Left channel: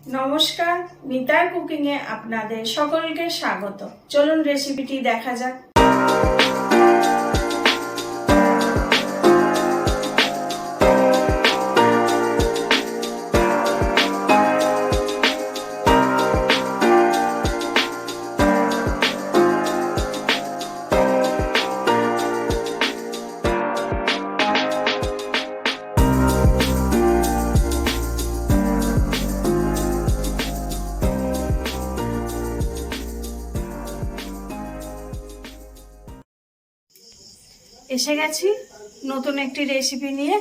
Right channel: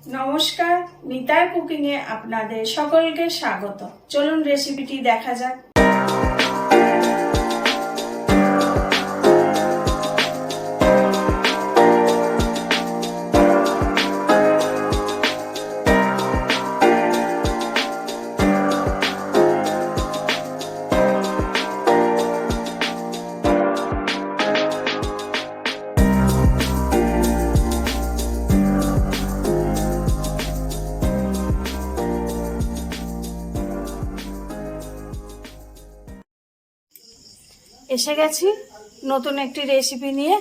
নমস্কার, নিতাই কুকিং এ আপনাদের সকলকে স্বাগত। চলুন রেসিপিটি দেখা যাক। এসে গেছি নতুন একটি রেসিপি নিয়ে।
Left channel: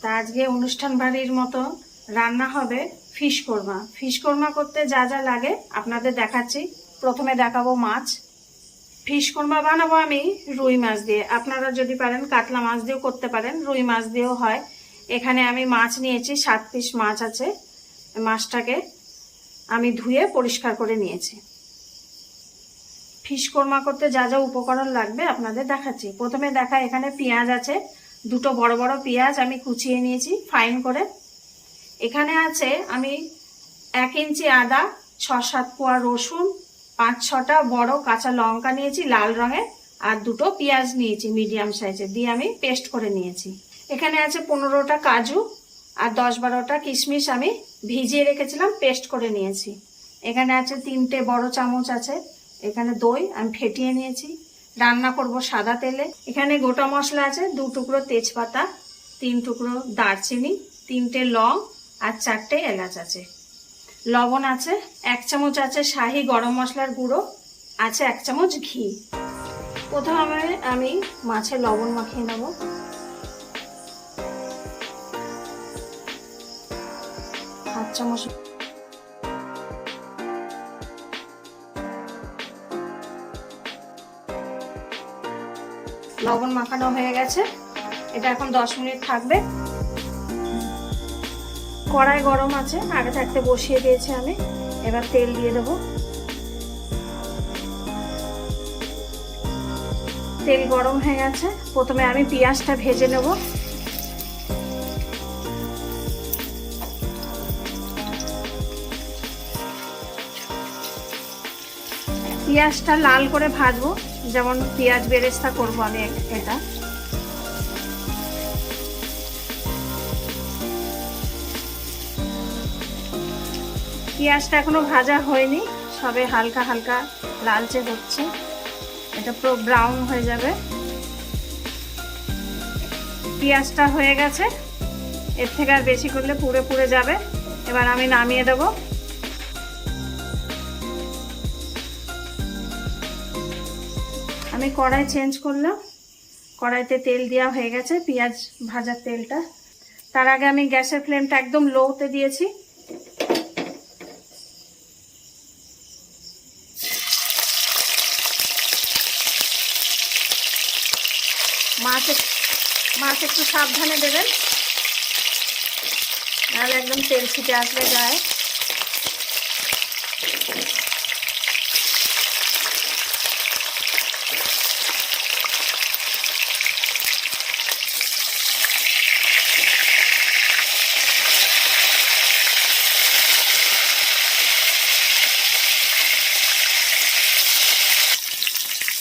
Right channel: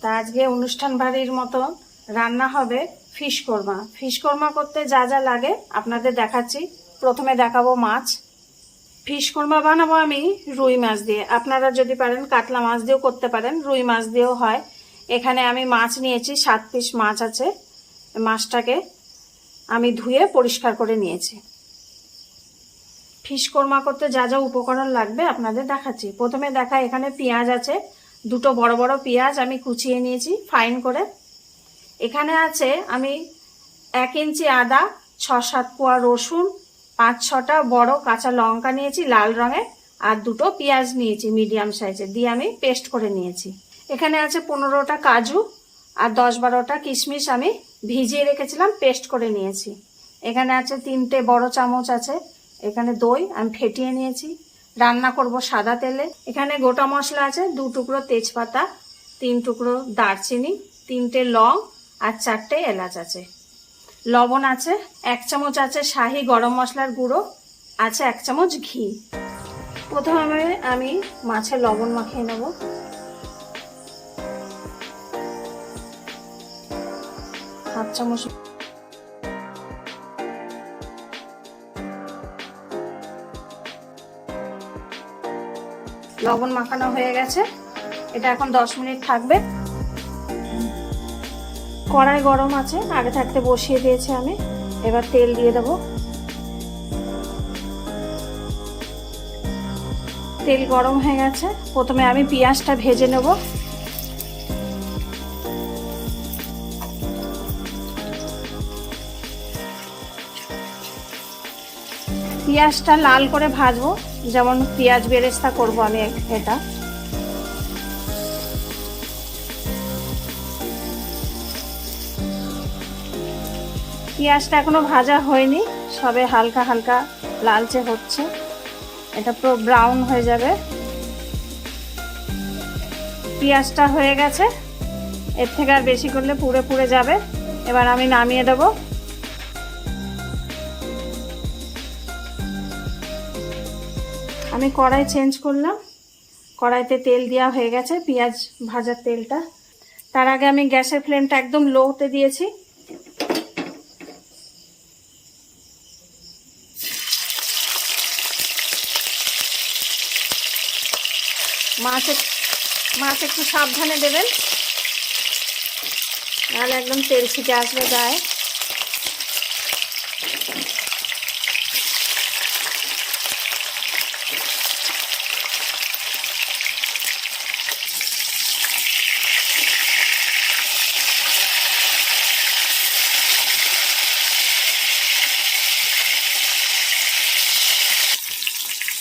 তা আজকে অনুষ্ঠান বাড়ির মতো রান্না হবে ফিশ কোরমা। ফিশ কোরমা করতে যা যা লাগে আপনাদের দেখাচ্ছি। প্রথমে দেখাবো মাছ। ফিশ কোরমা বানাবো আমি রুই মাছ দিয়ে। আপনারা যদি পারেন কাতলা মাছ দিয়েও করতে পারেন, রুই মাছ দিয়েও হয়। এখানে আমি মাছ নিয়েছি, 7 পিস মাছ আছে। মাছটাকে আমি ধুয়ে পরিষ্কার করে নিয়েছি। ফিশ কোরমা করতে যা যা উপকরণ লাগবে আপনাদের দেখাচ্ছি। প্রথমে এখানে পেঁয়াজ আছে, দুটো বড় বড় পেঁয়াজ আমি কুচিয়ে নিয়েছি ফাইন করে। এখানে আছে আমি 1 ইঞ্চি আদা, 6-7 কোয়া রসুন, 5-6টা বড় কাঁচা লঙ্কা নিয়েছি লাল রঙের, আর দুটো পেঁয়াজ নিয়েছি মিডিয়াম সাইজের, দিয়ে আমি পেস্ট করে নিয়েছি। এখানে আছে 15টা কাজু আর 10-12টা কিশমিশ আমি ভিজিয়ে রেখেছিলাম, পেস্ট করে নিয়েছি। এখানে আছে 3টে বড় চামচ আছে এখানে দই, আমি ফেটিয়ে নিয়েছি। রান্না করব সাদা তেলে। এখানে গোটা মশলা আছে, 2 টুকরো তেজপাতা, 3 টুকরো দারচিনি, 3টে লং আর 4টে এলাচ আছে। লবণ আছে 1 চামচ, আছে শাহি গরম মশলার গুঁড়ো, আছে 1 চামচ ঘি। প্রথমে আমি মাছে লবণ মাখিয়ে নেব। হাফ চামচ লবণ মাখানো হয়ে গেছে। এটা এখন 10 মিনিট থাকবে। কড়াই গরম আছে, আগে থাকতে বসিয়ে দিয়েছি আমি। এবার তেল দিয়ে দেব। তেল গরম হয়ে গেছে। প্রথমে আমি পেঁয়াজটা ভেজে নেব। পেঁয়াজটা লাল করে ভাজবো, যেমন পেঁয়াজ বেরেস্তা করবো আমি এটা। পেঁয়াজটা এখনো ভাজা হয়নি, সবে হালকা হালকা লালচে হচ্ছে। এটা পুরো ব্রাউন হয়ে যাবে। পেঁয়াজটা হয়ে গেছে, এর থেকে আর বেশি করলে পুড়ে পুড়ে যাবে। এবার আমি নামিয়ে দেবো। আমি কড়াই চেঞ্জ করলাম। কড়াইতে তেল দেওয়া হয়ে গেছে, পেঁয়াজ ভাজার তেলটা। তার আগে আমি গ্যাসের ফ্লেমটা একদম লোতে দিয়েছি। মাছ একটু সাবধানে দেবেন, নাহলে একদম তেল ছিটে আসবে গায়ে।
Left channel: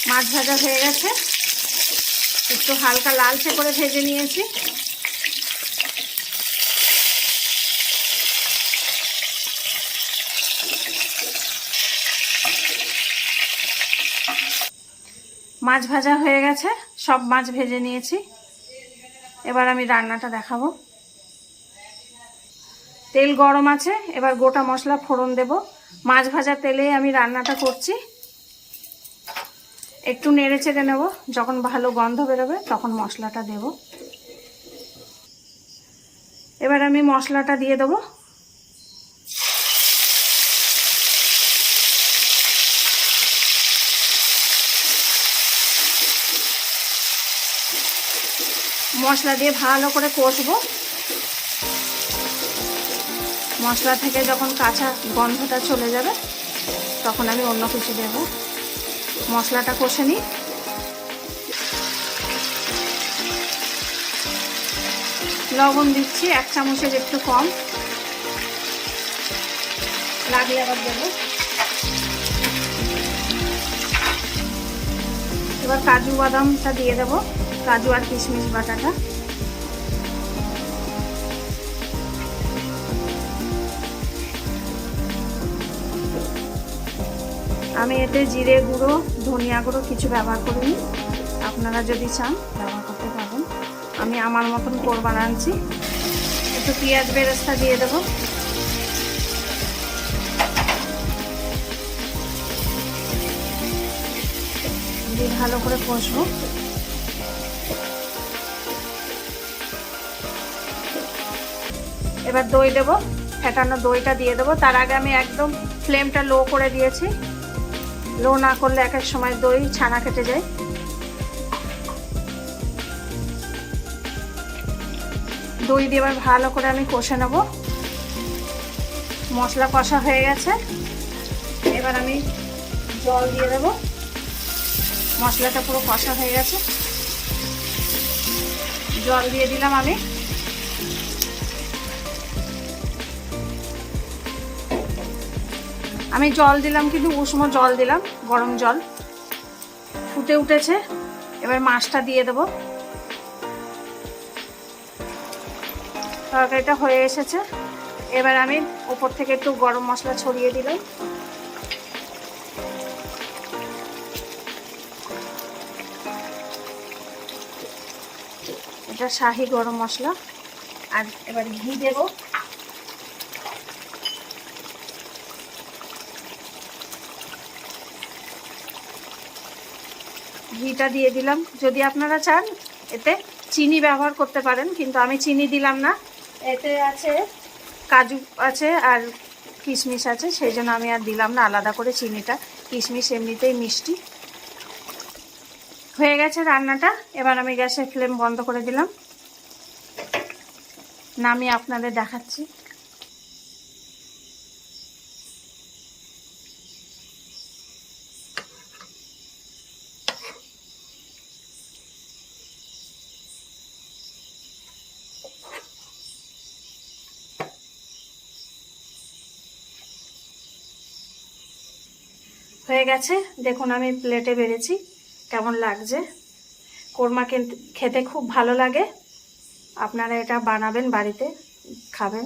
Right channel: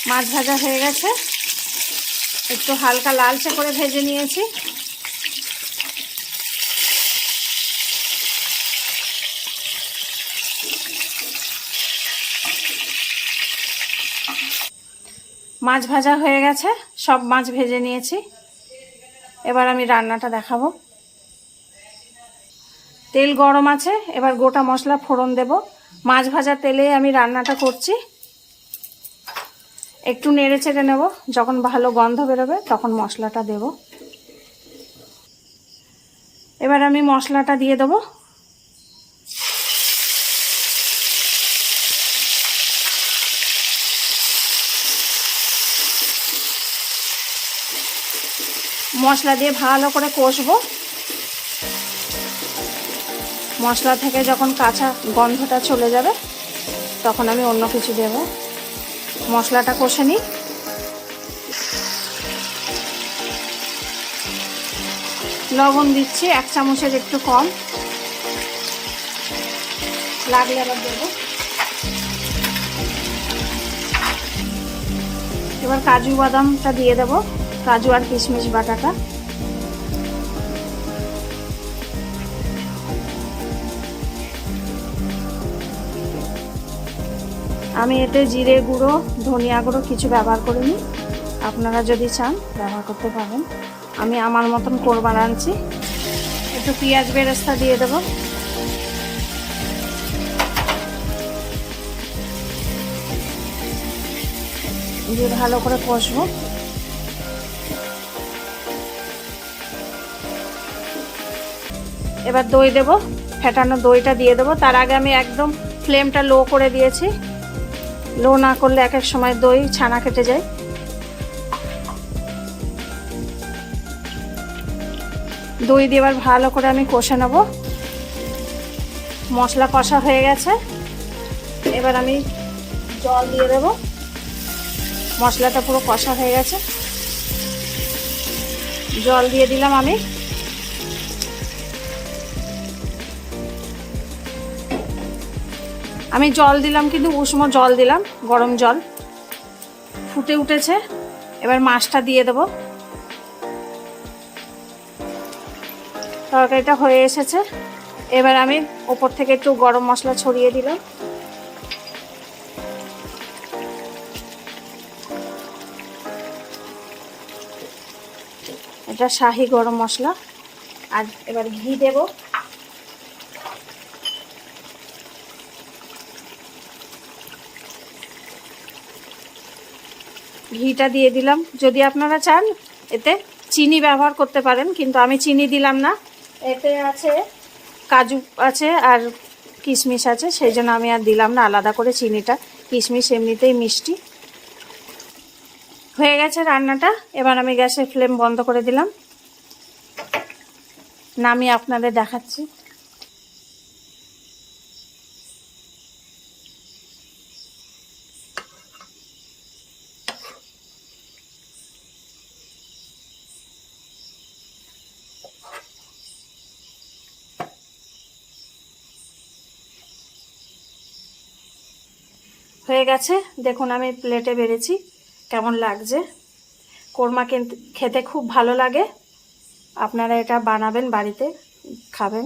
মাছ ভাজা হয়ে গেছে, একটু হালকা লালচে করে ভেজে নিয়েছি। মাছ ভাজা হয়ে গেছে, সব মাছ ভেজে নিয়েছি। এবার আমি রান্নাটা দেখাবো। তেল গরম আছে, এবার গোটা মশলা ফোড়ন দেব। মাছ ভাজার তেলেই আমি রান্নাটা করছি। একটু নেড়ে চেড়ে নেব, যখন ভালো গন্ধ বেরোবে তখন মশলাটা দেব। এবার আমি মশলাটা দিয়ে দেব। মশলা দিয়ে ভালো করে কষবো। মশলা থেকে যখন কাঁচা গন্ধটা চলে যাবে তখন আমি অন্য কিছু দেব। মশলাটা কষে নিই। লবণ দিচ্ছি 1 চামচের একটু কম। লাগলে এবার দেবো। এবার কাজু বাদামটা দিয়ে দেবো, কাজু আর কিশমিশ বাটাটা। আমি এতে জিরে গুঁড়ো, ধনিয়া গুঁড়ো কিছু ব্যবহার করিনি, আপনারা যদি চান ব্যবহার করতে পারেন। আমি আমার মতন করে বানাচ্ছি। একটু পেঁয়াজ বেরেস্তা দিয়ে দেবো। দিয়ে ভালো করে কষবো। এবার দই দেবো, ফেটানো দইটা দিয়ে দেবো। তার আগে আমি একদম ফ্লেমটা লো করে দিয়েছি। লো না করলে এক এক সময় দই ছানা কেটে যায়। দই দিয়ে এবার ভালো করে আমি কষে নেব। মশলা কষা হয়ে গেছে, এবার আমি জল দিয়ে দেবো। মশলাটা পুরো কষা হয়ে গেছে, জল দিয়ে দিলাম আমি। জল দিলাম কিন্তু উষ্ণ জল দিলাম, গরম জল। ফুটে উঠেছে, এবার মাছটা দিয়ে দেবো। তরকারিটা হয়ে এসেছে, এবার আমি ওপর থেকে একটু গরম মশলা ছড়িয়ে দিলাম। এটা শাহি গরম মশলা। আর এবার ঘি দেব। ঘিটা দিয়ে দিলাম। যদি আপনারা চান এতে চিনি ব্যবহার করতে পারেন, কিন্তু আমি চিনি দিলাম না। এতে আছে কাজু আছে আর কিশমিশ আছে, সেই জন্য আমি আর দিলাম না আলাদা করে চিনিটা। কিশমিশ এমনিতেই মিষ্টি। হয়ে গেছে রান্নাটা, এবার আমি গ্যাসের ফ্লেম বন্ধ করে দিলাম। নামিয়ে আপনাদের দেখাচ্ছি। হয়ে গেছে, দেখুন আমি প্লেটে বেড়েছি। কেমন লাগছে? কোরমা খেতে খুব ভালো লাগে। আপনারা এটা বানাবেন, বাড়িতে খাবেন।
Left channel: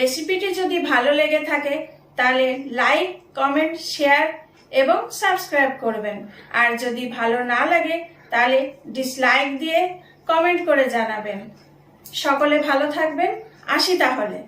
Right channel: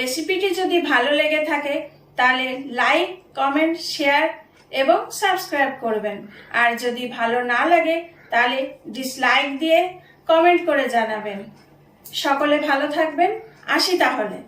রেসিপিটি যদি ভালো লেগে থাকে তাহলে লাইক, কমেন্ট, শেয়ার এবং সাবস্ক্রাইব করবেন। আর যদি ভালো না লাগে তাহলে ডিসলাইক দিয়ে কমেন্ট করে জানাবেন। সকলে ভালো থাকবেন। আসি তাহলে।